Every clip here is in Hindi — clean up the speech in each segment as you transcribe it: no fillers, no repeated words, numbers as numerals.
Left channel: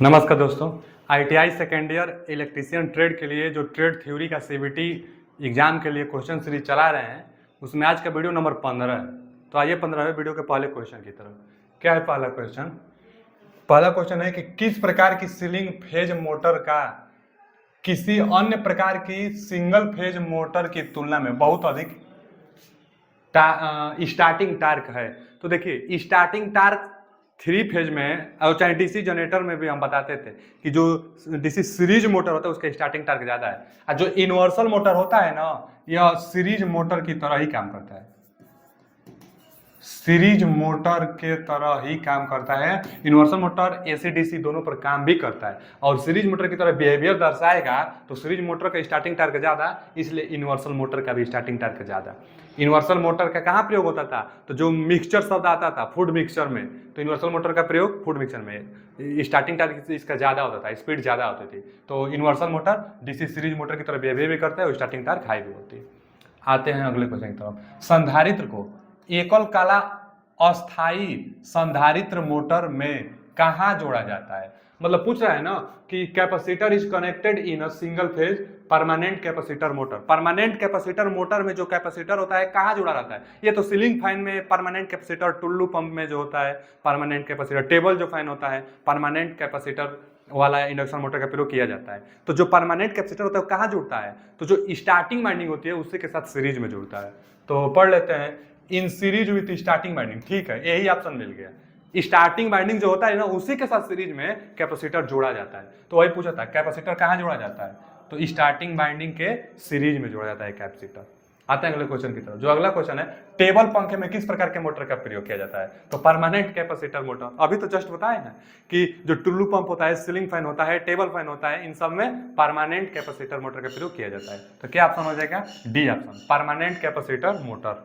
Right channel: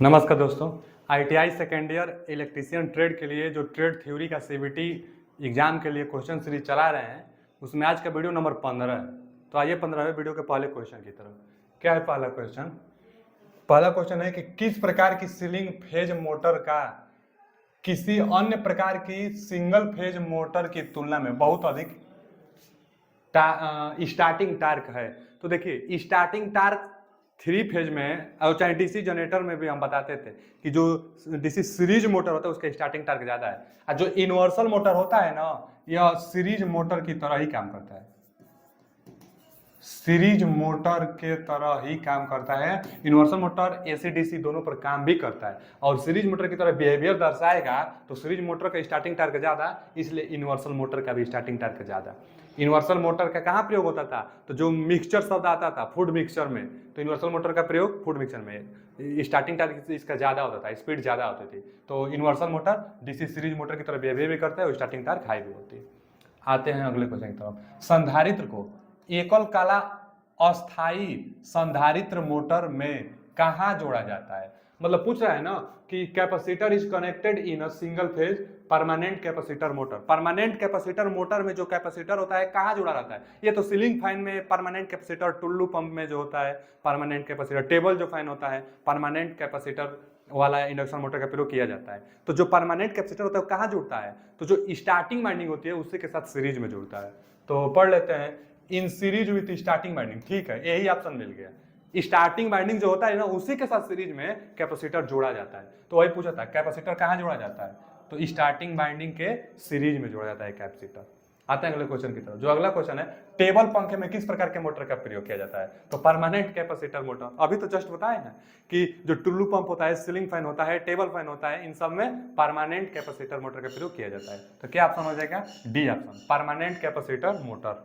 नमस्कार दोस्तों। ITI second year electrician trade के लिए जो ट्रेड थ्योरी का सीबीटी एग्जाम के लिए क्वेश्चन सीरीज चला रहे हैं, उसमें आज का वीडियो नंबर 15 है। तो आइए 15वें वीडियो के पहले क्वेश्चन की तरफ। क्या है पहला क्वेश्चन? पहला क्वेश्चन है कि किस प्रकार की सीलिंग फेज मोटर का किसी अन्य प्रकार की सिंगल फेज मोटर की तुलना में बहुत अधिक स्टार्टिंग टार्क है। तो देखिए, स्टार्टिंग टार्क थ्री फेज में और चाहे डीसी जनरेटर में भी हम बताते थे कि जो डीसी सीरीज मोटर होता है उसका स्टार्टिंग टार्क ज्यादा है, और जो यूनिवर्सल मोटर होता है ना, यह सीरीज मोटर की तरह ही काम करता है। सीरीज मोटर के तरह ही काम करता है। यूनिवर्सल मोटर एसी डीसी दोनों पर काम भी करता है और सीरीज मोटर की तरह बिहेवियर दर्शाएगा। तो सीरीज मोटर का स्टार्टिंग टार्क ज्यादा, इसलिए यूनिवर्सल मोटर का भी स्टार्टिंग टार्क ज्यादा। यूनिवर्सल मोटर का कहाँ प्रयोग होता था? तो जो मिक्सचर शब्द आता था फूड मिक्सचर में, तो यूनिवर्सल मोटर का प्रयोग फूड मिक्सचर में। स्टार्टिंग टार्क इसका ज्यादा होता था, स्पीड ज्यादा होती थी। तो universal motor DC series motor की तरह बिहेवियर भी करता है और स्टार्टिंग टार्क हाई भी होती है। आते हैं अगले क्वेश्चन की तरफ। संधारित्र को एकल काला अस्थाई संधारित्र मोटर में कहाँ जोड़ा जाता है? मतलब पूछ रहा है ना कि capacitor is connected in a single phase permanent capacitor motor. Permanent capacitor motor में जो कैपेसिटर होता है कहाँ जुड़ा रहता है? ये तो सीलिंग फैन में परमानेंट कैपेसिटर, टुल्लू पंप में जो होता है परमानेंट कैपेसिटर, टेबल जो फैन होता है परमानेंट कैपेसिटर वाला इंडक्शन मोटर का प्रयोग किया जाता है। तो जो परमानेंट कैपेसिटर होता है वो कहाँ जुड़ता है? तो जो स्टार्टिंग वाइंडिंग होती है उसी के साथ सीरीज में जुड़ता है। तो पढ़ लेते हैं, in series with starting winding. ठीक है, यही ऑप्शन मिल गया। स्टार्टिंग वाइंडिंग जो होता है ना, उसी के साथ सीरीज में कैपेसिटर जोड़ा जाता है। तो वही पूछा था कैपेसिटर कहाँ जोड़ा जाता है? तो स्टार्टिंग वाइंडिंग के सीरीज में जोड़ा जाता है कैपेसिटर। आते हैं अगले क्वेश्चन की तरफ। जो अगला क्वेश्चन है, टेबल पंखे में किस प्रकार के मोटर का प्रयोग किया जाता है? तो परमानेंट कैपेसिटर मोटर। अभी तो जस्ट बताए ना कि जो टुल्लू पंप होता है, सीलिंग फैन होता है, टेबल फैन होता है, इन सब में परमानेंट कैपेसिटर मोटर का प्रयोग किया जाता है। तो क्या ऑप्शन हो जाएगा? D option, permanent capacitor motor.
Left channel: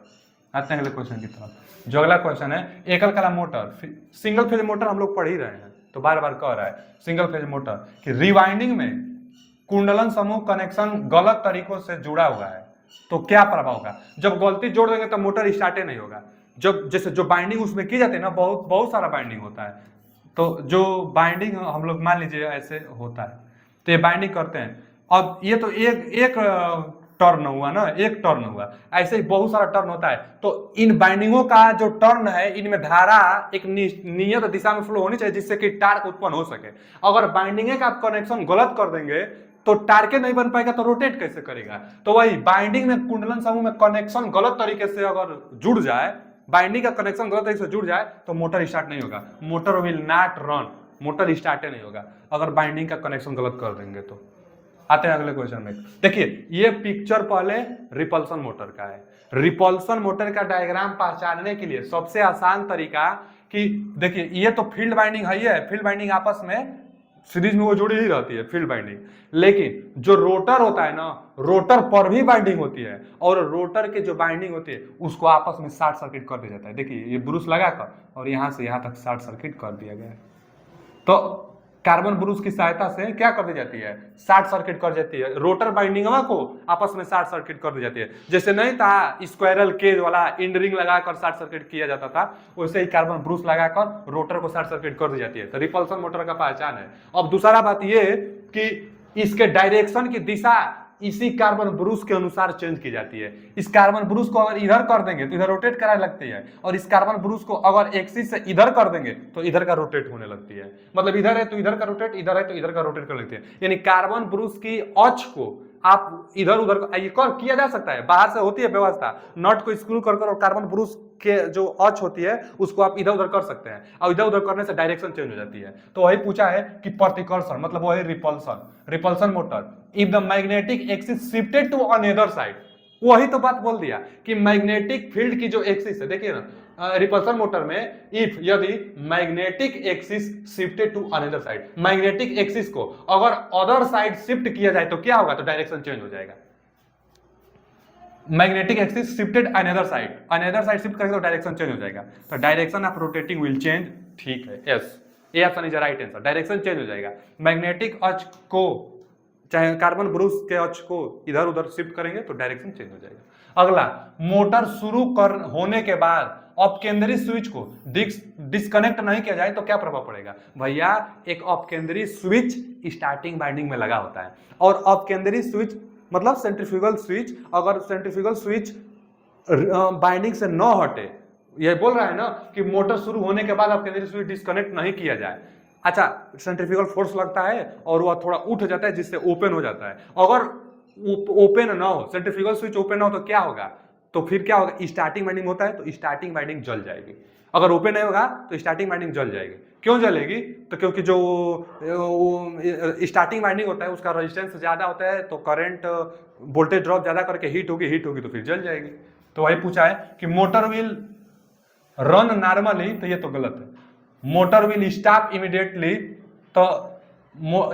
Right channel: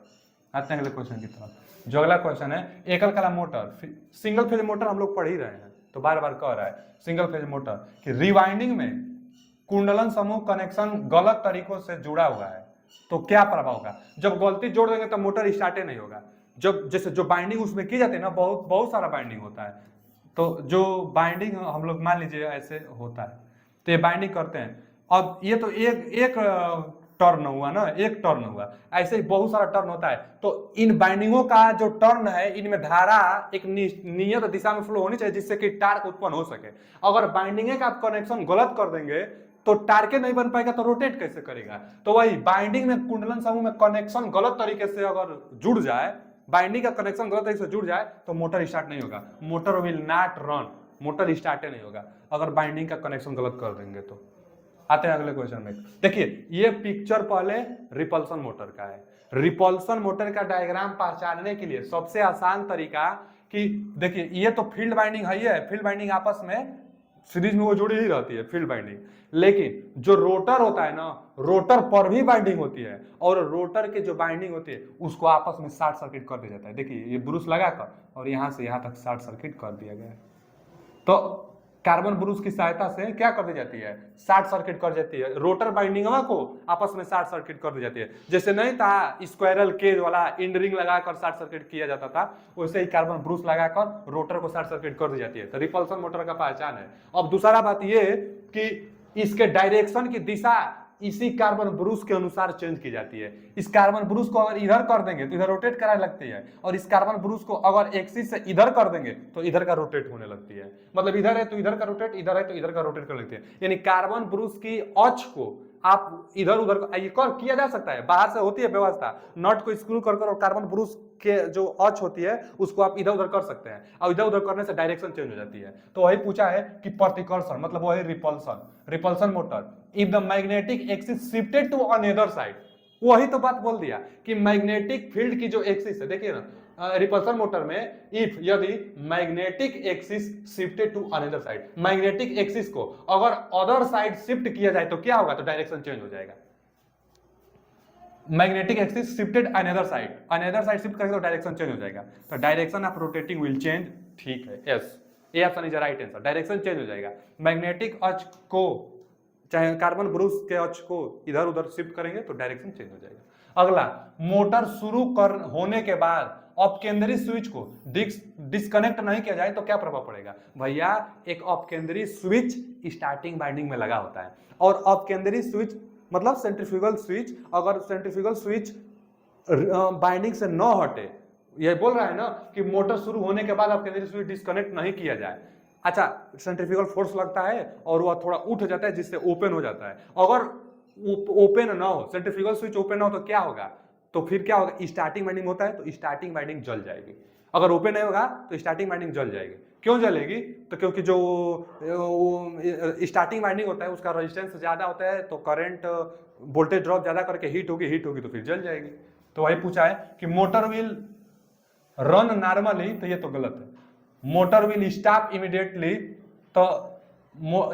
आते हैं अगले क्वेश्चन की तरफ। जो अगला क्वेश्चन है, एकल कला मोटर, सिंगल फेज मोटर हम लोग पढ़ ही रहे हैं तो बार बार कह रहा है सिंगल फेज मोटर कि रिवाइंडिंग में कुंडलन समूह कनेक्शन गलत तरीकों से जुड़ा हुआ है तो क्या प्रभाव होगा? जब गलती जोड़ देंगे तो मोटर स्टार्ट नहीं होगा। जब जैसे जो बाइंडिंग उसमें की जाती है ना, बहुत बहुत सारा बाइंडिंग होता है। तो जो बाइंडिंग हम लोग मान लीजिए ऐसे होता है, तो ये बाइंडिंग करते हैं। अब ये तो एक एक टर्न हुआ ना, एक टर्न हुआ, ऐसे ही बहुत सारा टर्न होता है। तो इन बाइंडिंगों का जो टर्न है, इनमें धारा एक नियत दिशा में फ्लो होनी चाहिए जिससे कि टार्क उत्पन्न हो सके। अगर बाइंडिंग का आप कनेक्शन गलत कर देंगे तो टार्के नहीं बन पाएगा, तो रोटेट कैसे करेगा? तो वही बाइंडिंग में कुंडलन समूह में कनेक्शन गलत तरीके से अगर जुड़ जाए, बाइंडिंग का कनेक्शन गलत तरीके से जुड़ जाए तो मोटर स्टार्ट नहीं होगा। Motor will not run, motor start नहीं होगा अगर बाइंडिंग का कनेक्शन गलत कर देंगे तो। आते हैं अगले क्वेश्चन में। देखिए, ये पिक्चर पहले रिपल्सन मोटर का है। रिपल्सन मोटर का डायग्राम पहचानने के लिए सबसे आसान तरीका कि देखिए, ये तो फील्ड बाइंडिंग है, फील्ड बाइंडिंग आपस में सीरीज में वो जुड़ी ही रहती है फील्ड बाइंडिंग। लेकिन जो रोटर होता है ना, रोटर पर भी बाइंडिंग होती है और रोटर के जो बाइंडिंग होती है उसको आपस में शॉर्ट सर्किट कर दिया जाता है। देखिए, ये ब्रूस लगाकर और यहां से यहां तक शॉर्ट सर्किट कर दिया गया है। तो कार्बन ब्रूस की सहायता से क्या कर दी जाती है? शॉर्ट सर्किट कर जाती है, रोटर बाइंडिंगवा को आपस में शॉर्ट सर्किट कर दी जाती है। जैसे नहीं था स्क्वायरल केज वाला इंड रिंग लगाकर शॉर्ट सर्किट किया जाता था, वैसे ही कार्बन ब्रूस लगाकर रोटर को शॉर्ट सर्किट कर दी जाती है। तो रिपल्सन मोटर का पहचान है। अब दूसरा बात ये कि इसके डायरेक्शन की दिशा इसी कार्बन ब्रूस के अनुसार चेंज की जाती है। इस कार्बन ब्रूस को अगर इधर कर देंगे तो इधर रोटेट कराने लगती है, और इस कार्बन ब्रूस को अगर एक्सिस से इधर कर देंगे तो इधर का रोटेट होने लगती है। मतलब इधर है तो इधर का रोटेट, इधर है तो इधर का रोटेट कर लेते हैं। यानी कार्बन ब्रूस की अक्ष को आप इधर उधर किया जा सकता है, बाहर से होती है व्यवस्था, नट को स्क्रू कर और कार्बन ब्रूस के जो अक्ष होती है उसको आप इधर उधर कर सकते हैं, और इधर उधर करने से डायरेक्शन चेंज हो जाती है। तो वही पूछा है कि प्रतिकर्षण मतलब वही repulsion, repulsion motor. If the magnetic axis shifted to another side, वही तो बात बोल दिया कि मैग्नेटिक फील्ड की जो एक्सिस है, देखिए ना रिपल्सन मोटर में, इफ यदि magnetic axis shifted to another side, magnetic axis को अगर अदर साइड शिफ्ट किया जाए तो क्या होगा? तो डायरेक्शन चेंज हो जाएगा। Magnetic axis shifted another side shift करेंगे तो डायरेक्शन चेंज हो जाएगा। तो direction of rotating will change. ठीक है, yes, A option is right answer, direction change हो जाएगा। मैग्नेटिक अक्ष को, चाहे कार्बन ब्रूस के अक्ष को इधर उधर शिफ्ट करेंगे तो डायरेक्शन चेंज हो जाएगा। अगला, मोटर शुरू कर होने के बाद अपकेंद्री स्विच को डिस्कनेक्ट नहीं किया जाए तो क्या प्रभाव पड़ेगा भैया, एक अपकेंद्री स्विच स्टार्टिंग वाइंडिंग में लगा होता है, और अपकेंद्री स्विच मतलब सेंट्रीफ्यूगल स्विच, अगर सेंट्रीफ्यूगल स्विच बाइंडिंग से न हटे, ये बोल रहा है ना कि मोटर शुरू होने के बाद अपकेंद्री स्विच डिस्कनेक्ट नहीं किया जाए, अच्छा सेंट्रीफ्यूगल फोर्स लगता है और वह थोड़ा उठ जाता है जिससे ओपन हो जाता है, अगर ओपन ना हो, सेंट्रीफ्यूगल स्विच ओपन ना हो तो क्या होगा, तो फिर क्या होगा, स्टार्टिंग वाइंडिंग होता है तो स्टार्टिंग वाइंडिंग जल जाएगी, अगर ओपन नहीं होगा तो स्टार्टिंग वाइंडिंग जल जाएगी। क्यों जलेगी, तो क्योंकि जो स्टार्टिंग वाइंडिंग होता है उसका रेजिस्टेंस ज्यादा होता है, तो करंट वोल्टेज ड्रॉप ज्यादा करके हीट होगी तो फिर जल जाएगी। तो वही पूछा है कि मोटर विल रन नॉर्मली, तो ये तो गलत है, मोटर विल स्टॉप इमीडिएटली, तो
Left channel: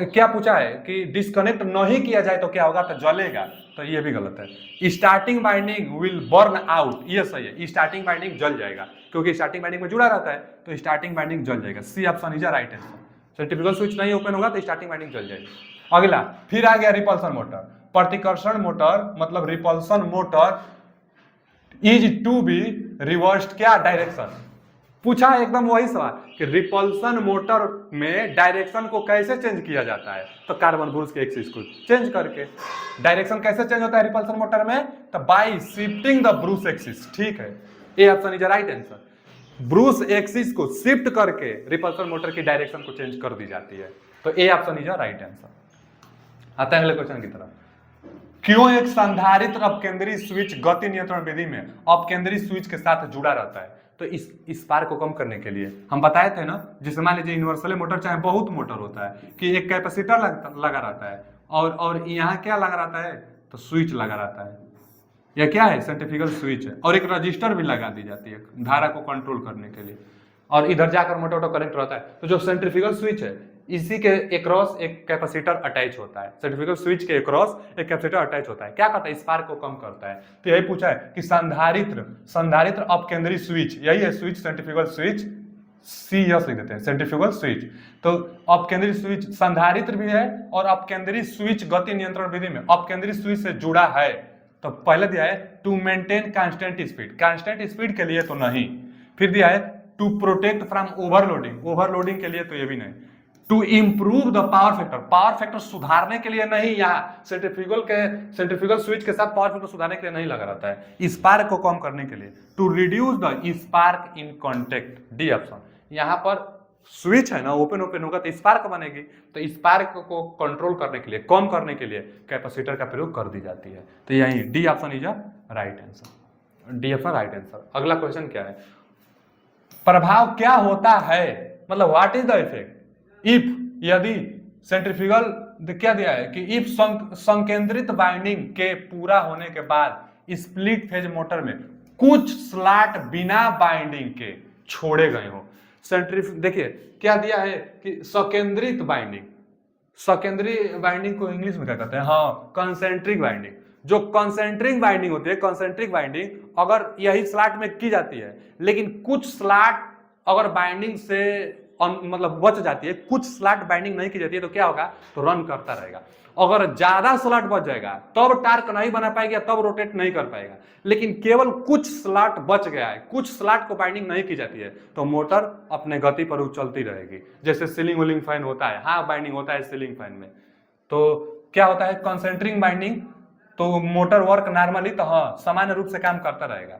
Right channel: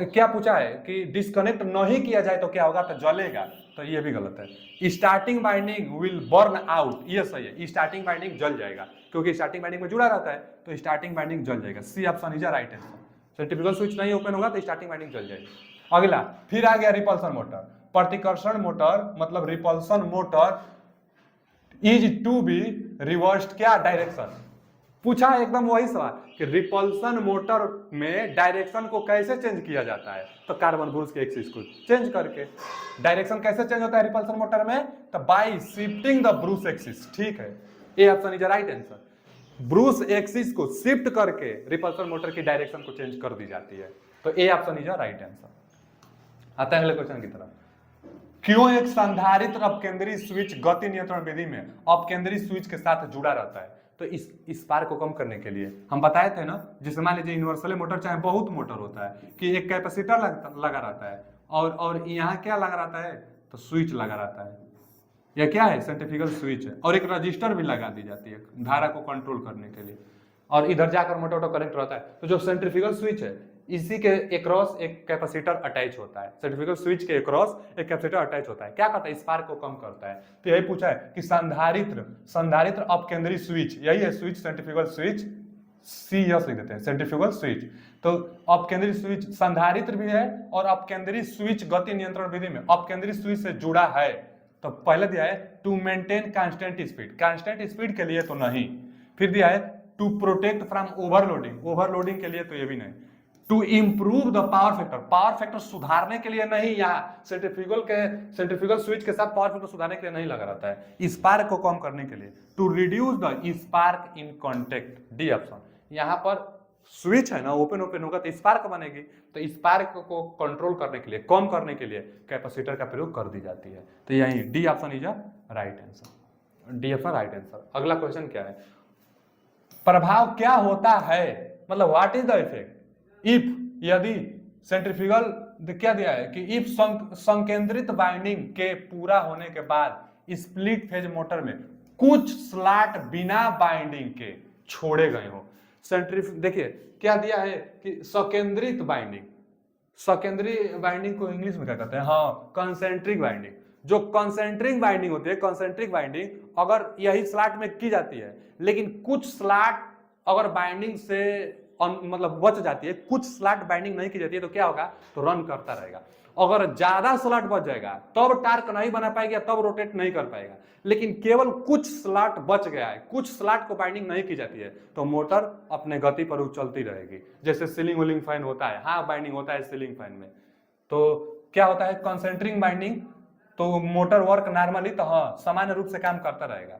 क्या पूछा है कि डिस्कनेक्ट नहीं किया जाए तो क्या होगा, तो जलेगा, तो ये भी गलत है। Starting winding will burn out, ये सही है, स्टार्टिंग वाइंडिंग जल जाएगा क्योंकि स्टार्टिंग वाइंडिंग में जुड़ा रहता है, तो स्टार्टिंग वाइंडिंग जल जाएगा, c option is right answer. Centrifugal switch नहीं ओपन होगा तो स्टार्टिंग वाइंडिंग जल जाएगी। अगला फिर आ गया रिपल्सन मोटर, प्रतिकर्षण मोटर मतलब repulsion motor is to be reversed क्या डायरेक्शन, पूछा है एकदम वही सवाल कि रिपल्सन मोटर में डायरेक्शन को कैसे चेंज किया जाता है, तो कार्बन ब्रूस के एक्सिस को चेंज करके। डायरेक्शन कैसे चेंज होता है रिपल्सन मोटर में, तो bye shifting the Bruce axis, ठीक है, ए option is right answer. Bruce axis को शिफ्ट करके रिपल्सन मोटर की डायरेक्शन को चेंज कर दी जाती है, तो A option is right answer. आता है अगले क्वेश्चन की तरफ, क्यों एक संधारित्र अपकेंद्री स्विच गति नियंत्रण विधि में अपकेंद्री स्विच के साथ जुड़ा रहता है, तो इस स्पार्क को कम करने के लिए हम बताए थे ना, जैसे मान लीजिए यूनिवर्सल मोटर चाहे बहुत मोटर होता है कि एक कैपेसिटर लगा रहता है और यहाँ क्या लगा रहता है, तो स्विच लगा रहता है, यह क्या है सेंट्रीफ्यूगल स्विच है, और एक रजिस्टर भी लगा दी जाती है धारा को कंट्रोल करने के लिए, और इधर जाकर मोटर कनेक्ट रहता है, तो जो सेंट्रीफ्यूगल स्विच है इसी के अक्रॉस एक कैपेसिटर अटैच होता है, सेंट्रीफ्यूगल स्विच के अक्रॉस एक कैपेसिटर अटैच होता है, क्या करता है, स्पार्क को कम करता है। तो यही पूछा है कि संधारित्र अपकेंद्री स्विच, यही है स्विच सेंट्रीफ्यूगल स्विच, सी यस लिख देते हैं सेंट्रीफ्यूगल स्विच, तो अपकेंद्री स्विच संधारित्र भी है और अपकेंद्री स्विच गति नियंत्रण विधि में अपकेंद्री स्विच से जुड़ा है, तो पहले दिया है to maintain constant speed, constant speed के लिए तो नहीं, फिर दिया है to protect from overloading, overloading के लिए तो ये भी नहीं, to improve the power factor सुधारने के लिए नहीं, यहाँ सेंट्रीफ्यूगल स्विच के साथ पावर फैक्टर सुधारने के लिए नहीं लगा रहता है, स्पार्क को कम करने के लिए, to reduce the spark in contact, D option. यहाँ पर स्विच है ना ओपन होगा तो स्पार्क बनेगी, तो स्पार्क को कंट्रोल करने के लिए, कम करने के लिए कैपेसिटर का प्रयोग कर दी जाती है, तो यही D option is right answer, D option right answer. अगला क्वेश्चन क्या है, प्रभाव क्या होता है, मतलब what is the effect if, यदि सेंट्रीफ्यूगल क्या दिया है कि इफ संकेंद्रित वाइंडिंग के पूरा होने के बाद स्प्लिट फेज मोटर में कुछ स्लॉट बिना बाइंडिंग के छोड़े गए हो, देखिए क्या दिया है कि सकेंद्रित बाइंडिंग, सेकेंडरी बाइंडिंग को इंग्लिश में क्या कहते हैं, हाँ कंसेंट्रिक बाइंडिंग, जो कंसेंट्रिक बाइंडिंग होती है, कंसेंट्रिक बाइंडिंग अगर यही स्लॉट में की जाती है, लेकिन कुछ स्लॉट अगर बाइंडिंग से मतलब बच जाती है, कुछ स्लॉट बाइंडिंग नहीं की जाती है, तो क्या होगा, तो रन करता रहेगा, अगर ज्यादा स्लॉट बच जाएगा तब टार्क नहीं बना पाएगा, तब रोटेट नहीं कर पाएगा, लेकिन केवल कुछ स्लॉट बच गया है, कुछ स्लॉट को बाइंडिंग नहीं की जाती है, तो मोटर अपने गति पर उछलती रहेगी, जैसे सीलिंग व्हीलिंग फैन होता है, हाँ बाइंडिंग होता है सीलिंग फैन में, तो क्या होता है कंसेंट्रिक बाइंडिंग, तो मोटर वर्क नॉर्मली तो हाँ सामान्य रूप से काम करता रहेगा,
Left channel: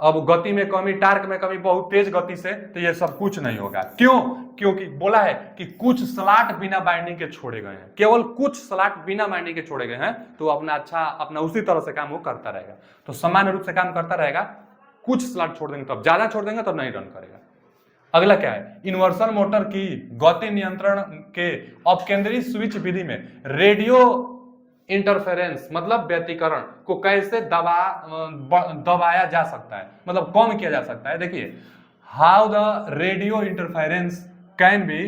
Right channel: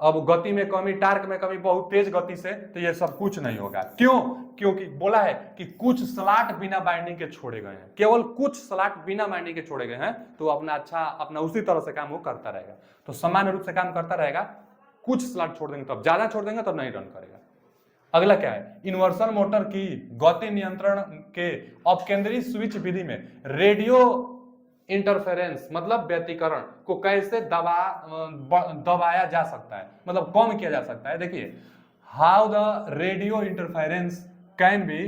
अब गति में कमी, टार्क में कमी, बहुत तेज गति से, तो ये सब कुछ नहीं होगा, क्यों, क्योंकि बोला है कि कुछ स्लॉट बिना बाइंडिंग के छोड़े गए हैं, केवल कुछ स्लॉट बिना बाइंडिंग के छोड़े गए हैं, तो अपना उसी तरह से काम वो करता रहेगा, तो सामान्य रूप से काम करता रहेगा, कुछ स्लॉट छोड़ देंगे तब, ज्यादा छोड़ देंगे तब नहीं रन करेगा। अगला क्या है, इन्वर्सन मोटर की गति नियंत्रण के अपकेंद्री स्विच विधि में रेडियो इंटरफेरेंस मतलब व्यतिकरण को कैसे दबाया जा सकता है, मतलब कम किया जा सकता है। देखिए how the radio interference can be,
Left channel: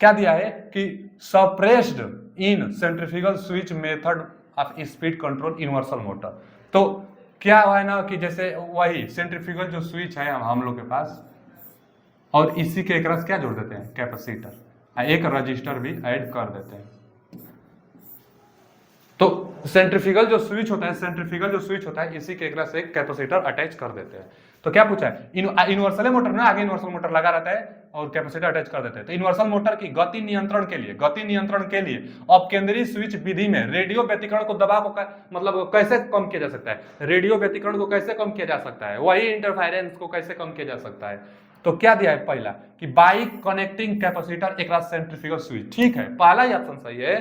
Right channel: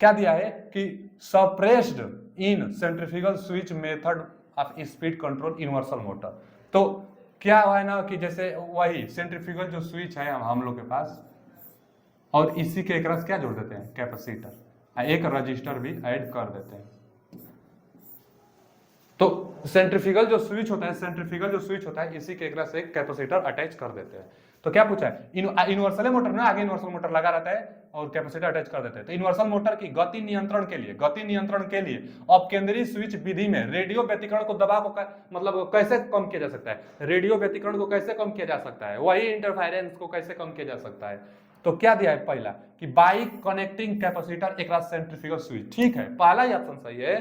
क्या दिया है कि suppressed in centrifugal switch method of speed control universal motor, तो क्या हुआ है ना कि जैसे वही सेंट्रीफ्यूगल जो स्विच है हम लोग के पास, और इसी के एक रस क्या जोड़ देते हैं कैपेसिटर, एक रजिस्टर भी ऐड कर देते हैं, तो सेंट्रीफ्यूगल जो स्विच होता है, इसी के एक रस एक कैपेसिटर अटैच कर देते हैं, तो क्या पूछा है, यूनिवर्सल मोटर ना, आगे यूनिवर्सल मोटर लगा रहता है और कैपेसिटर अटैच कर देते हैं। तो यूनिवर्सल मोटर की गति नियंत्रण के लिए अपकेंद्रीय स्विच विधि में रेडियो व्यतिकरण को दबाव को मतलब कैसे कम किया जा सकता है, रेडियो व्यतिकरण को कैसे कम किया जा सकता है, वही इंटरफेरेंस को कैसे कम किया जा सकता है। तो क्या दिया है पहला कि बाई कनेक्टिंग कैपेसिटर एक सेंट्रीफ्यूगल स्विच, ठीक है, पहला ही ऑप्शन सही है।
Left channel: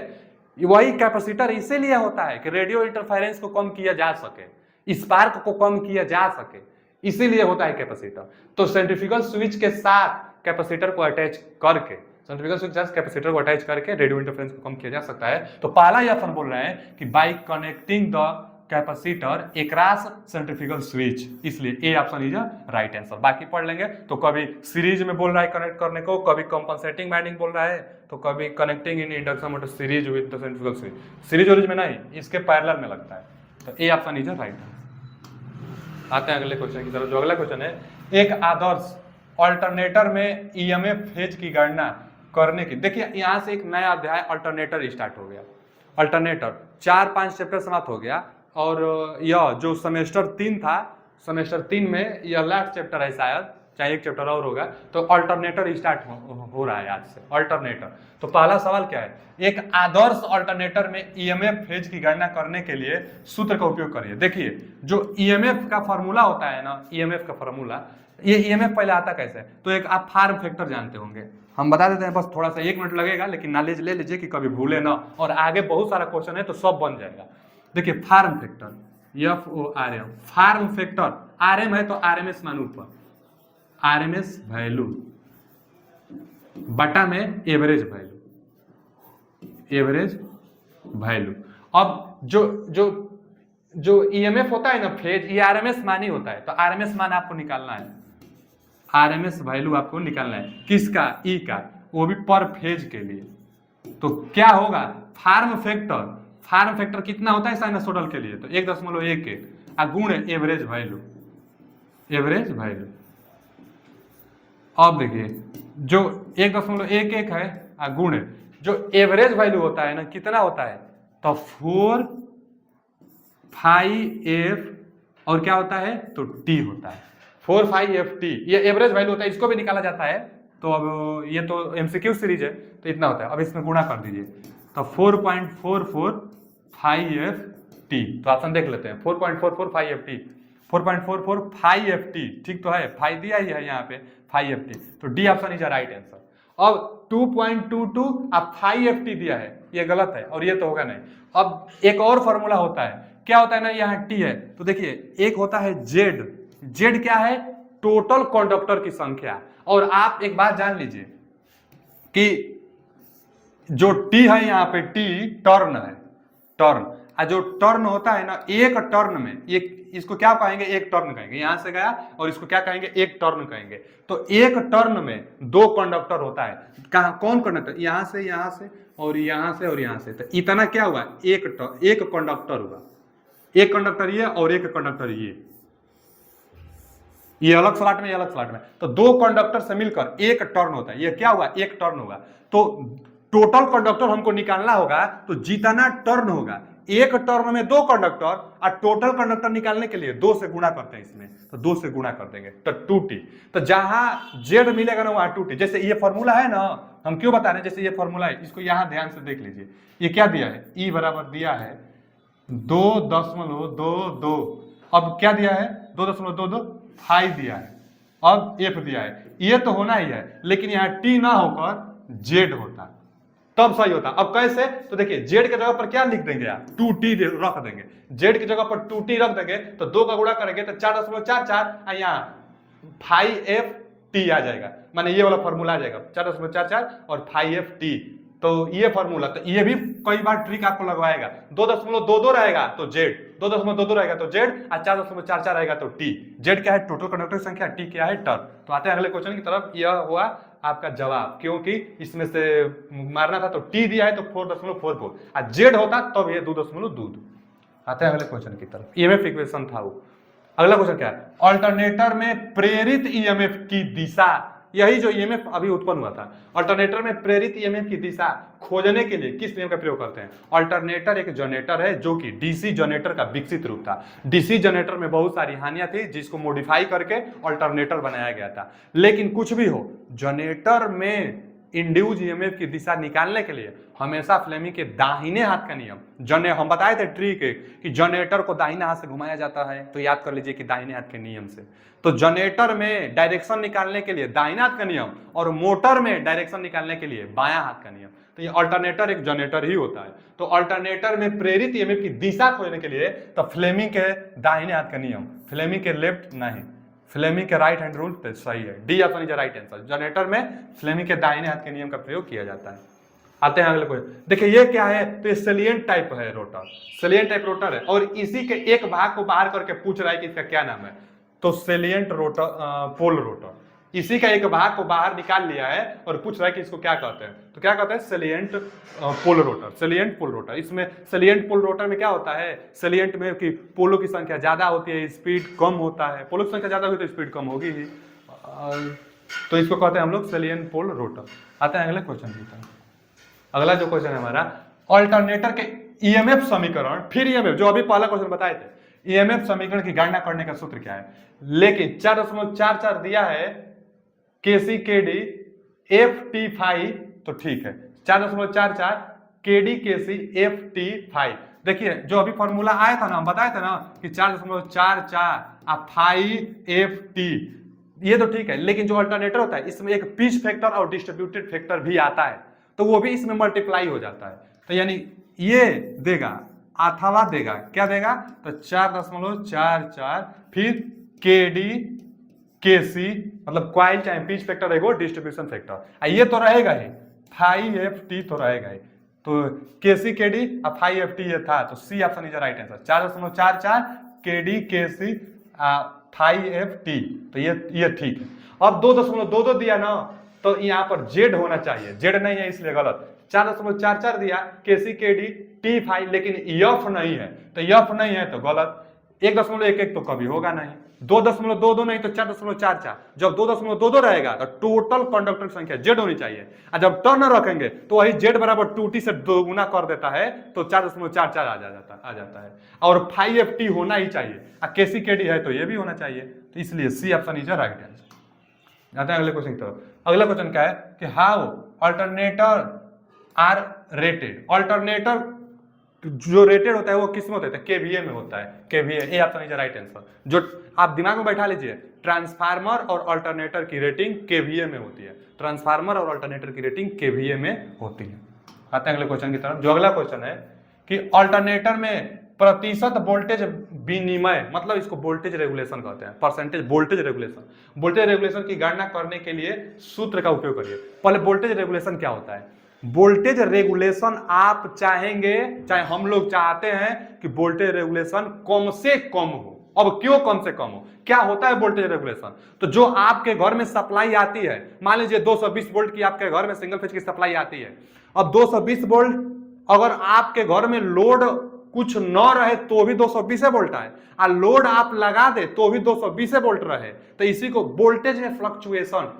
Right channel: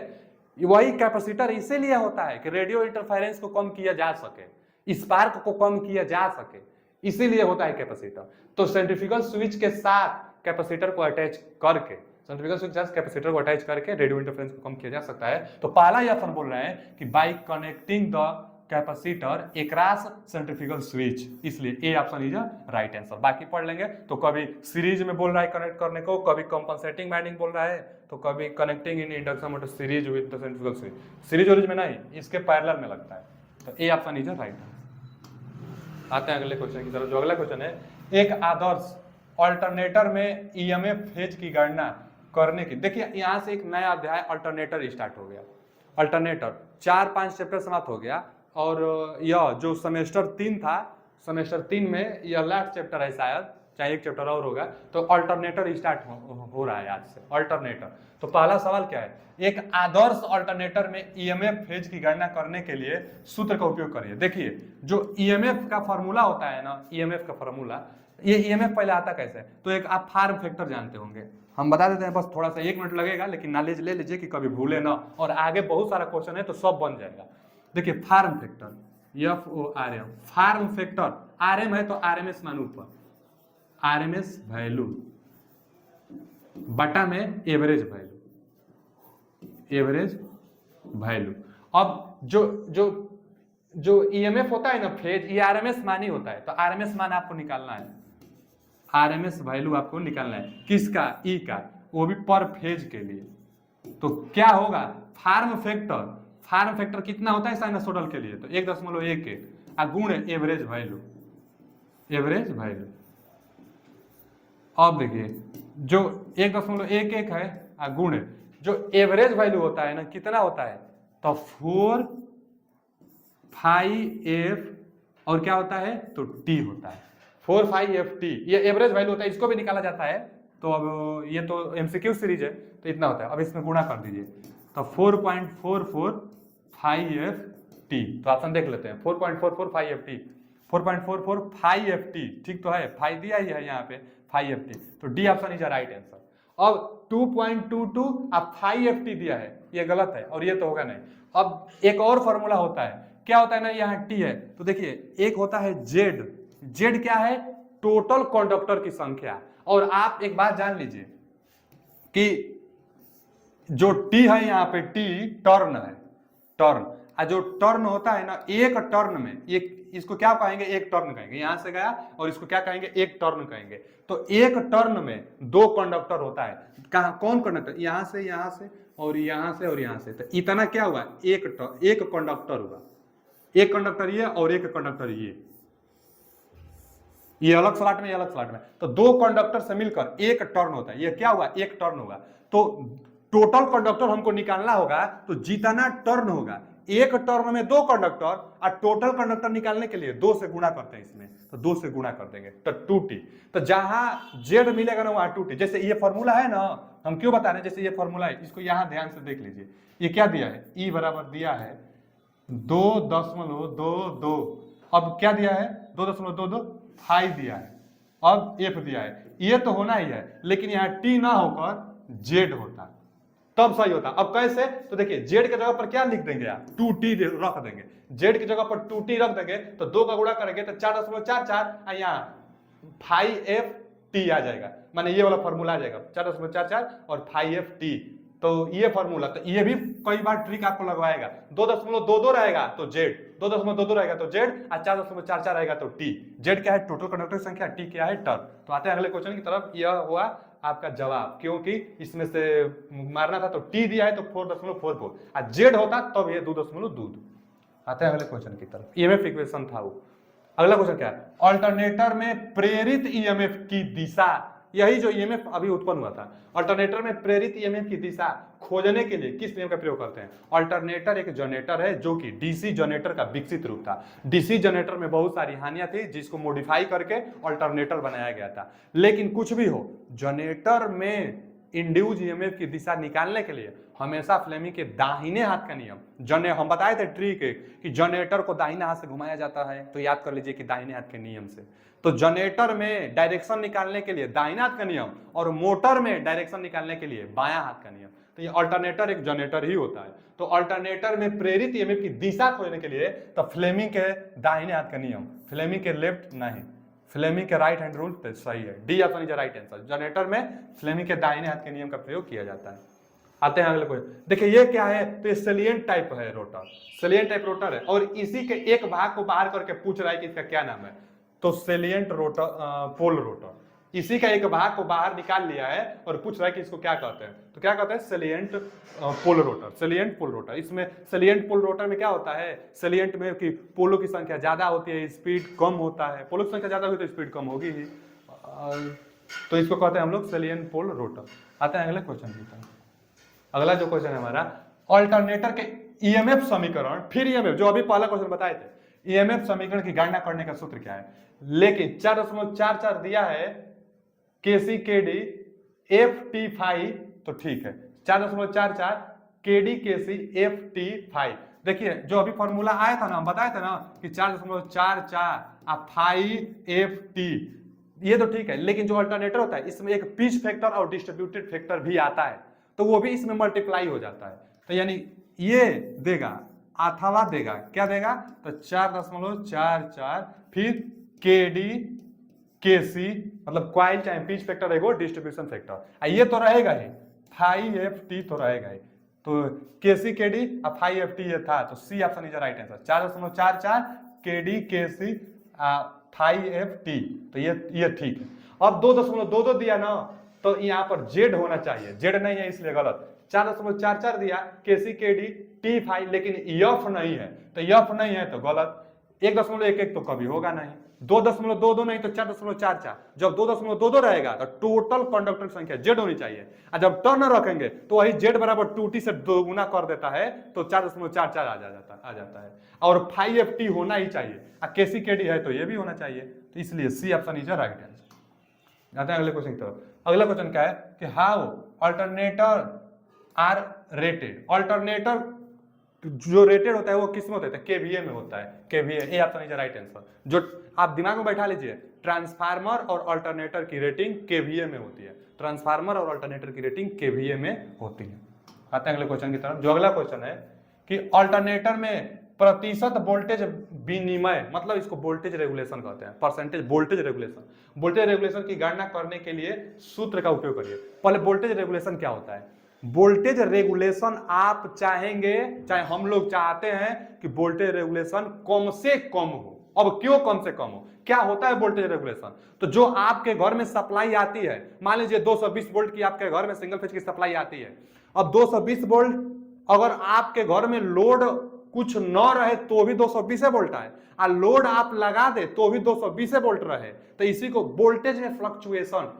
वही कैपेसिटर इसीलिए होता है कि रेडियो इंटरफेरेंस को कम किया जा सके, स्पार्क को कम किया जा सके, इसीलिए होता है कैपेसिटर। तो सेंट्रीफ्यूगल स्विच के साथ कैपेसिटर को अटैच करके, सेंट्रीफ्यूगल स्विच के साथ कैपेसिटर को अटैच करके रेडियो इंटरफेरेंस को कम किया जा सकता है। तो पहला ही ऑप्शन बोल रहे हैं कि by connecting the capacitor across centrifugal switch, इसलिए A option is right answer. बाकी पढ़ लेंगे, तो कभी सीरीज में बोल रहा है कनेक्ट करने को, कभी कंपनसेटिंग वाइंडिंग बोल रहा है, तो कभी connecting in induction motor series with the centrifugal switch, series ओरिज में नहीं, इसके पैरेलल में लगता है। तो A option is right answer. आते हैं अगले क्वेश्चन की तरफ। जो अगला क्वेश्चन है, एक आदर्श अल्टरनेटर में ईएमएफ फेज की गणना करने की, देखिए यहां से एक नया अध्याय अल्टरनेटर स्टार्ट हो गया। अल्टरनेटर 4-5 चैप्टर समाप्त हो गया, और यह जो सेमेस्टर 3 था, सेमेस्टर 3 में यह लास्ट चैप्टर है शायद, चाहे एक चैप्टर और होगा। तो अल्टरनेटर स्टार्ट हो रहा है आज से, अल्टरनेटर। तो पहला सवाल क्या है, एक आदर्श अल्टरनेटर में ईएमएफ फेज की गणना करने के लिए सूत्र का उपयोग करिए। देखिए जो ईएमएफ का फॉर्मूला होता है ना, ईएमएफ का फॉर्मूला, ये ईएमएफ पहले आता कैसे, तो एक आप फार्म फैक्टर जानते होंगे, हम बता देते हैं, बस थोड़ा सा 1 मिनट लगेगा, लेकिन नॉलेज ले लीजिए कि कभी भूले ना, और आगे बहुत सारा क्वेश्चन है तो सब बन जाएगा। देखिए form factor, FORM, form factor, RM है तो आरएमएस मान ऊपर, आरएमएस वैल्यू बटा में एवरेज वैल्यू, एवरेज वैल्यू। अब जो जो जो ईएमएफ होता है ना फेज, ये आरएमएस मान ही होता है, तो आरएमएस मान आपको निकालना है, आरएमएस वैल्यू आपको निकालना है, किसका, ई का, वो भी पर फेज के लिए। तो क्या होगा, फार्म फैक्टर कितना होता है साइनसोइडल के लिए, तो 1.11 गुण एवरेज वैल्यू, एवरेज वैल्यू। अब देखिए जो 1.11 है गुण जो एवरेज वैल्यू होता है ना, कितना होता है, तो 4 5F और क्या होता है, तो T होता है, 4 5FT, ये एवरेज वैल्यू होता है, इसको भी निकाला जाता है। तो अब ये तो एमसीक्यू सीरीज है, तो इतना होता है। अब इसमें गुणा कर दीजिए, तो 4.44 5FT, तो ऑप्शन देख लेते हैं, 4.44 5FT, 4.44 5FT, ठीक तो है, 5 दिया ही है यहाँ पे 5FT, तो D option is right answer. अब 2.22 अब 5FT दिया है, ये गलत है और ये तो होगा नहीं। अब एक और फॉर्मूला होता है, क्या होता है ना, यहाँ टी है, तो देखिए एक होता है जेड, जेड क्या है, टोटल कंडक्टर की संख्या। और आप एक बात जान लीजिए कि जो टी है यहाँ पे, टी टर्न है, टर्न, और जो टर्न होता है ना, एक टर्न में, एक इसको क्या कहेंगे, एक टर्न कहेंगे, यहां से गया, और इसको क्या कहेंगे, एक टर्न कहेंगे। तो एक टर्न में 2 कंडक्टर होता है, कहा कौन कंडक्टर, यहां से और यहां से और यहां से, तो इतना क्या हुआ, एक कंडक्टर हुआ, एक कंडक्टर ये और एक कंडक्टर ये अलग स्लॉट में, ये अलग स्लॉट में, तो 2 कंडक्टर से मिलकर एक टर्न होता है, ये क्या हुआ, एक टर्न होगा। तो टोटल कंडक्टर हमको निकालना होगा, तो जितना टर्न होगा, एक टर्न में 2 कंडक्टर, और टोटल कंडक्टर निकालने के लिए 2 से गुणा करते हैं इसमें, तो 2 से गुणा कर देंगे, तो 2T। तो जहां जेड मिलेगा ना वहां 2T। जैसे ये फॉर्मूला है ना, हम क्यों बता रहे हैं, जैसे ये फॉर्मूला है, इसको यहां ध्यान से देख लीजिए, ये क्या दिया है, ई बराबर दिया है 2.22, अब क्या दिया है, 2.22 5 दिया है, अब एफ दिया है, ये तो होना ही है, लेकिन यहाँ टी ना होकर जेड होता, तब सही होता। अब कैसे, तो देखिए जेड के जगह पर क्या लिख देंगे आप, 2T रख देंगे, जेड की जगह पर 2T रख देंगे, तो 2 का गुणा करेंगे तो 4.44, यहाँ 5FT आ जाएगा, माने ये वाला फॉर्मूला आ जाएगा, 4.44 और 5FT। तो ये फॉर्मूला, तो ये भी कई बार ट्रिक आपको लगवाएगा, 2.22 रहेगा तो जेड, 2.22 रहेगा तो जेड, और 4.44 रहेगा तो टी। जेड क्या है, टोटल कंडक्टर संख्या, टी क्या है, टर्न। तो आते हैं अगले क्वेश्चन की तरफ। यह हुआ आपका जवाब, क्योंकि इसमें से मारना था, तो टी दिया है तो 4.44, और जेड होता तब ये 2.22। आते हैं अगले क्वेश्चन की तरफ, ईएमएफ इक्वेशन था वो। अगला क्वेश्चन क्या है, अल्टरनेटर में प्रेरित ईएमएफ की दिशा यही जो ईएमएफ अभी उत्पन्न हुआ था। अल्टरनेटर में प्रेरित ईएमएफ की दिशा खोजने के लिए किस नियम का प्रयोग करते हैं? अल्टरनेटर एक जनरेटर है जो कि डीसी जनरेटर का विकसित रूप था। डीसी जनरेटर में बहुत सारी हानियां थी जिसको मॉडिफाई करके अल्टरनेटर बनाया गया था। लेकिन कुछ भी हो, जनरेटर में इंड्यूस ईएमएफ की दिशा निकालने के लिए हमेशा फ्लेमिंग के दाहिने हाथ का नियम, हम बताए थे ट्रिक कि जनरेटर को दाहिने हाथ से घुमाया जाता है, तो याद कर लीजिए कि दाहिने हाथ के नियम से। तो जनरेटर में डायरेक्शन निकालने के लिए दाहिने हाथ का नियम और मोटर में डायरेक्शन निकालने के लिए बायां हाथ का नियम। तो ये अल्टरनेटर एक जनरेटर ही होता है। तो अल्टरनेटर में प्रेरित ईएमएफ की दिशा खोजने के लिए तो फ्लेमिंग के दाहिने हाथ का नियम, फ्लेमिंग के लेफ्ट नहीं, फ्लेमिंग के राइट हैंड रूल पे सही है, D option is right answer. Generator में फ्लेमिंग के दाहिने हाथ के नियम का प्रयोग किया जाता है। आते हैं अगले क्वेश्चन। देखिए ये क्या है, तो ये सेलिएंट टाइप है रोटर, सेलिएंट टाइप रोटर है और इसी के एक भाग को बाहर करके पूछ रहा है कि इसका क्या नाम है। तो सेलिएंट रोटर, पोल रोटर, इसी का एक भाग को बाहर निकाल लिया है और पूछ रहा है कि इसको क्या कहते हैं। तो क्या कहते हैं? Salient pole rotor, salient pole rotor. इसमें सेलिएंट पोल रोटर में क्या होता है, सेलिएंट में कि पोलों की संख्या ज्यादा होती है, स्पीड कम होता है। पोलों की संख्या ज्यादा होगी तो स्पीड कम होगी ही, तो इसको कहते हैं हम लोग सेलिएंट पोल रोटर। आते हैं अगले क्वेश्चन की तरफ। अगला जो क्वेश्चन है हमारा, अल्टरनेटर के ईएमएफ समीकरण, फिर ईएमएफ जो अभी पहला क्वेश्चन बताए थे, ईएमएफ समीकरण की गणना करने का सूत्र क्या है? लेकिन 4.44 दिया है केसी केडी एफ टी फाइव, तो ठीक है 4.44 केडी केसी एफ टी फाइव। देखिए जो अभी फॉर्मूला आया था ना, हम बताया था ना कि 4.44 फाइव एफ टी, ये तो ठीक है। लेकिन जो अल्टरनेटर होता है इसमें एक पिच फैक्टर और डिस्ट्रीब्यूटेड फैक्टर भी आता है, तो वो भी इसमें मल्टीप्लाई हो जाता है। तो यानी ये देगा अथवा देगा, क्या देगा? तो 4.44 फिर के डी के सी, मतलब क्वाइल चाहे पिच फैक्टर है वो डिस्ट्रीब्यूशन फैक्टर, ये तो रहेगा ही, फाइव एफ टी तो रहेगा ही। तो के सी के डी और फाइव एफ टी ये था, तो c option is right answer. 4.44 के डी के सी फाइव एफ टी, तो ये ठीक है। अब 2.22 दिया ना, तो यहाँ पर जेड होना चाहिए, जेड नहीं है इसलिए गलत। 4.44 दिया केसी के डी टी फाइव, लेकिन यफ नहीं है, तो यफ नहीं है तो गलत। 1.11 तो कभी होगा नहीं, 2.22 नहीं तो 4.44। जब 2.22 रहेगा तो टोटल कंडक्टर संख्या जेड होनी चाहिए, और जब टर्न रखेंगे तो वही जेड बराबर 2t से दोगुना कर देता है, तो 4.44 आ जाता है। और 5ft होना ही चाहिए, और केसी के डी है तो ये भी होना चाहिए, तो इसलिए c option is right answer. जाते हैं अगले क्वेश्चन की तरफ। अगला क्वेश्चन क्या है कि how alternator are rated. Alternator जो रेटेड होता है वो किस में होता है? केवीए में होता है, केवीए, ये ऑप्शन इज राइट आंसर। जो आप दिमाग में बैठा लीजिए, ट्रांसफार्मर और अल्टरनेटर की रेटिंग केवीए में होती है, ट्रांसफार्मर और अल्टरनेटर की रेटिंग केवीए में होती है। आते हैं अगले क्वेश्चन की तरफ। जो अगला क्वेश्चन है कि अल्टरनेटर में प्रतिशत वोल्टेज विनिमय, मतलब इसको वोल्टेज रेगुलेशन कहते हैं, percentage voltage regulation. Voltage regulation की गणना करने के लिए सूत्र का उपयोग करिए। पहले वोल्टेज रेगुलेशन क्या होता है? वोल्टेज रेगुलेशन आप चाहेंगे, चाहे हम लोग चाहते हैं कि वोल्टेज रेगुलेशन कम से कम हो। अब क्यों कम से कम हो? क्या होता है वोल्टेज रेगुलेशन? तो जो आपके घर में सप्लाई आती है, मान लीजिए 220 वोल्ट की आपके घर में सिंगल फेज की सप्लाई आती है। अब 220 वोल्ट अगर आपके घर में लोड कुछ न रहे तो भी 220 वोल्ट आए, और लोड आप लगा दे तो भी 220 वोल्ट रहे, तो इसी को वोल्टेज में फ्लक्चुएशन,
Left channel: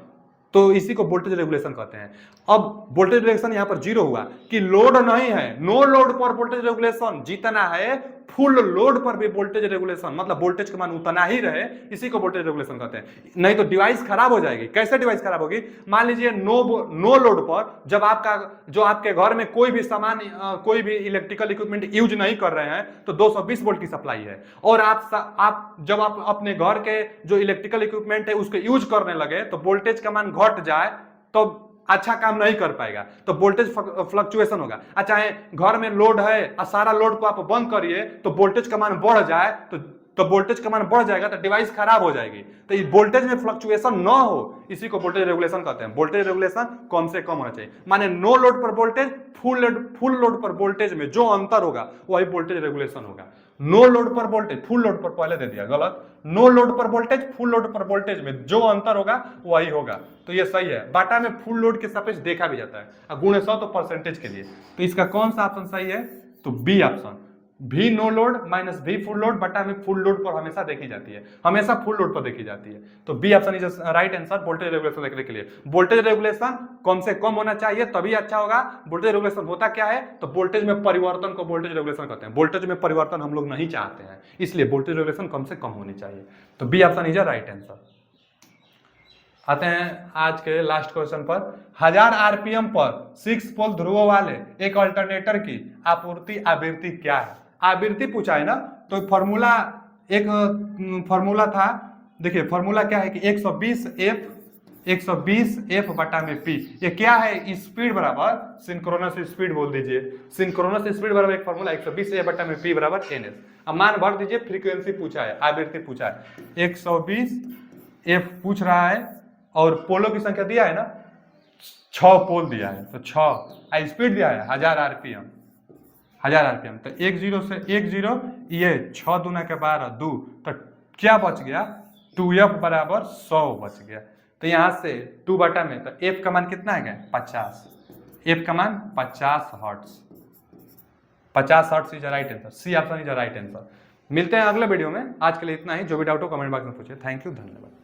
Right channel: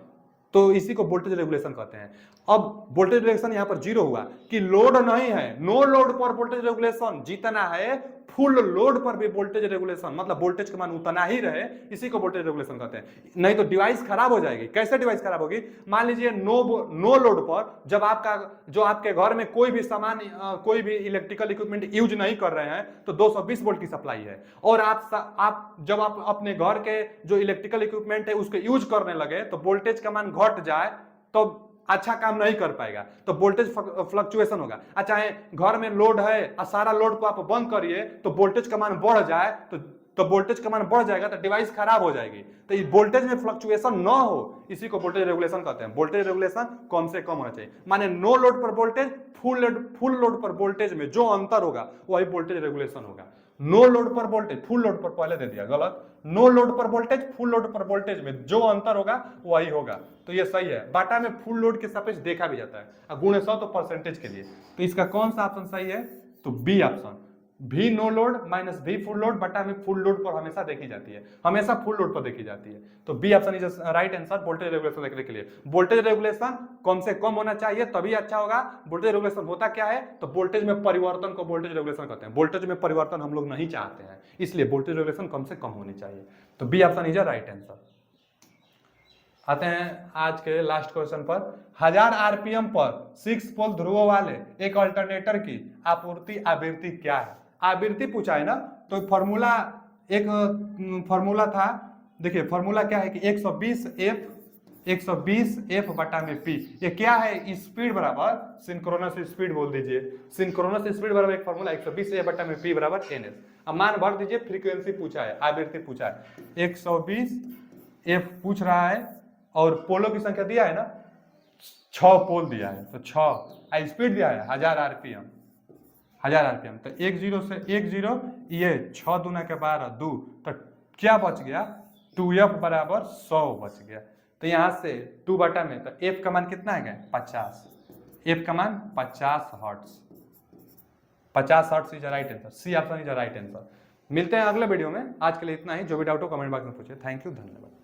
तो इसी को वोल्टेज रेगुलेशन कहते हैं। अब वोल्टेज रेगुलेशन यहां पर जीरो हुआ कि लोड नहीं है, नो लोड पर वोल्टेज रेगुलेशन जितना है, फुल लोड पर भी वोल्टेज रेगुलेशन, मतलब वोल्टेज का मान उतना ही रहे, इसी को वोल्टेज रेगुलेशन कहते हैं। नहीं तो डिवाइस खराब हो जाएगी। कैसे डिवाइस खराब होगी? मान लीजिए नो लोड पर जब आपके घर में कोई भी सामान, कोई भी इलेक्ट्रिकल इक्विपमेंट यूज नहीं कर रहे हैं, तो 220 वोल्ट की सप्लाई है, और आप जब आप अपने घर के जो इलेक्ट्रिकल इक्विपमेंट है उसको यूज करने लगे तो वोल्टेज का मान घट जाए तो अच्छा काम नहीं कर पाएगा, तो वोल्टेज फ्लक्चुएशन होगा। अच्छा है घर में लोड है और सारा लोड को आप बंद करिए तो वोल्टेज का मान बढ़ जाए, तो वोल्टेज का मान बढ़ जाएगा तो डिवाइस खराब हो जाएगी। तो ये वोल्टेज में फ्लक्चुएशन न हो, इसी को वोल्टेज रेगुलेशन कहते हैं। वोल्टेज रेगुलेशन कम से कम होना चाहिए, माने नो लोड पर वोल्टेज, फुल लोड पर वोल्टेज में जो अंतर होगा वही वोल्टेज रेगुलेशन होगा। नो लोड पर वोल्टेज, फुल लोड पर पहले दे दिया गलत, नो लोड पर वोल्टेज, फुल लोड पर वोल्टेज में जो अंतर होगा वही होगा, तो ये सही है। बाटा में फुल लोड के सापेक्ष देखा भी जाता है, और गुणे 100 तो परसेंटेज के लिए, तो इसका कौन सा ऑप्शन सही है? तो B option. V no load minus V full load बटा में फुल लोड पर हमेशा देखी जाती है, हमेशा फुल लोड पर देखी जाती है। तो B option is right answer voltage regulation देखने के लिए। वोल्टेज रेगुलेशन कम से कम होना चाहिए तभी अच्छा होगा। वोल्टेज रेगुलेशन होता क्या है, तो वोल्टेज में परिवर्तन को वोल्टेज रेगुलेशन कहते हैं। वोल्टेज में परिवर्तन हम लोग नहीं चाहते हैं, इसलिए वोल्टेज रेगुलेशन कम से कम होनी चाहिए। तो B option is right answer. आते हैं आज के लास्ट क्वेश्चन पर। 1000 आरपीएम पर 6 पोल ध्रुवों वाले एक अल्टरनेटर की आपूर्ति आवृत्ति क्या है। आवृत्ति पूछा है ना, तो फॉर्मूला एक फॉर्मूला था, देखिए फॉर्मूला क्या है कि 120 एफ बटा में पी। ये क्या है, स्पीड बराबर सिंक्रोनस स्पीड बोल दीजिए। सिंक्रोनस स्पीड बराबर एक फॉर्मूला 120 एफ बटा में पी बराबर एन एस। अब मान भर दीजिए, फ्रीक्वेंसी पूछा है, आवृत्ति पूछा है, 120 एफ पूछ रहा है और पोलों की संख्या दिया है ना, 6 पोल दिया है, तो 6 स्पीड दिया है 1000 आरपीएम, 1000 आरपीएम। तो 10 से 10 ये 6 दूना के 12 2, तो क्या बच गया, 2f बराबर 100 बच गया। तो यहां से 2 बटा में, तो f का मान कितना है, 50, f का मान 50 hertz, 50 hertz is right answer. C option is right answer. मिलते हैं अगले वीडियो में, आज के लिए इतना ही। जो भी डाउट हो कमेंट बॉक्स में पूछिए। थैंक यू, धन्यवाद।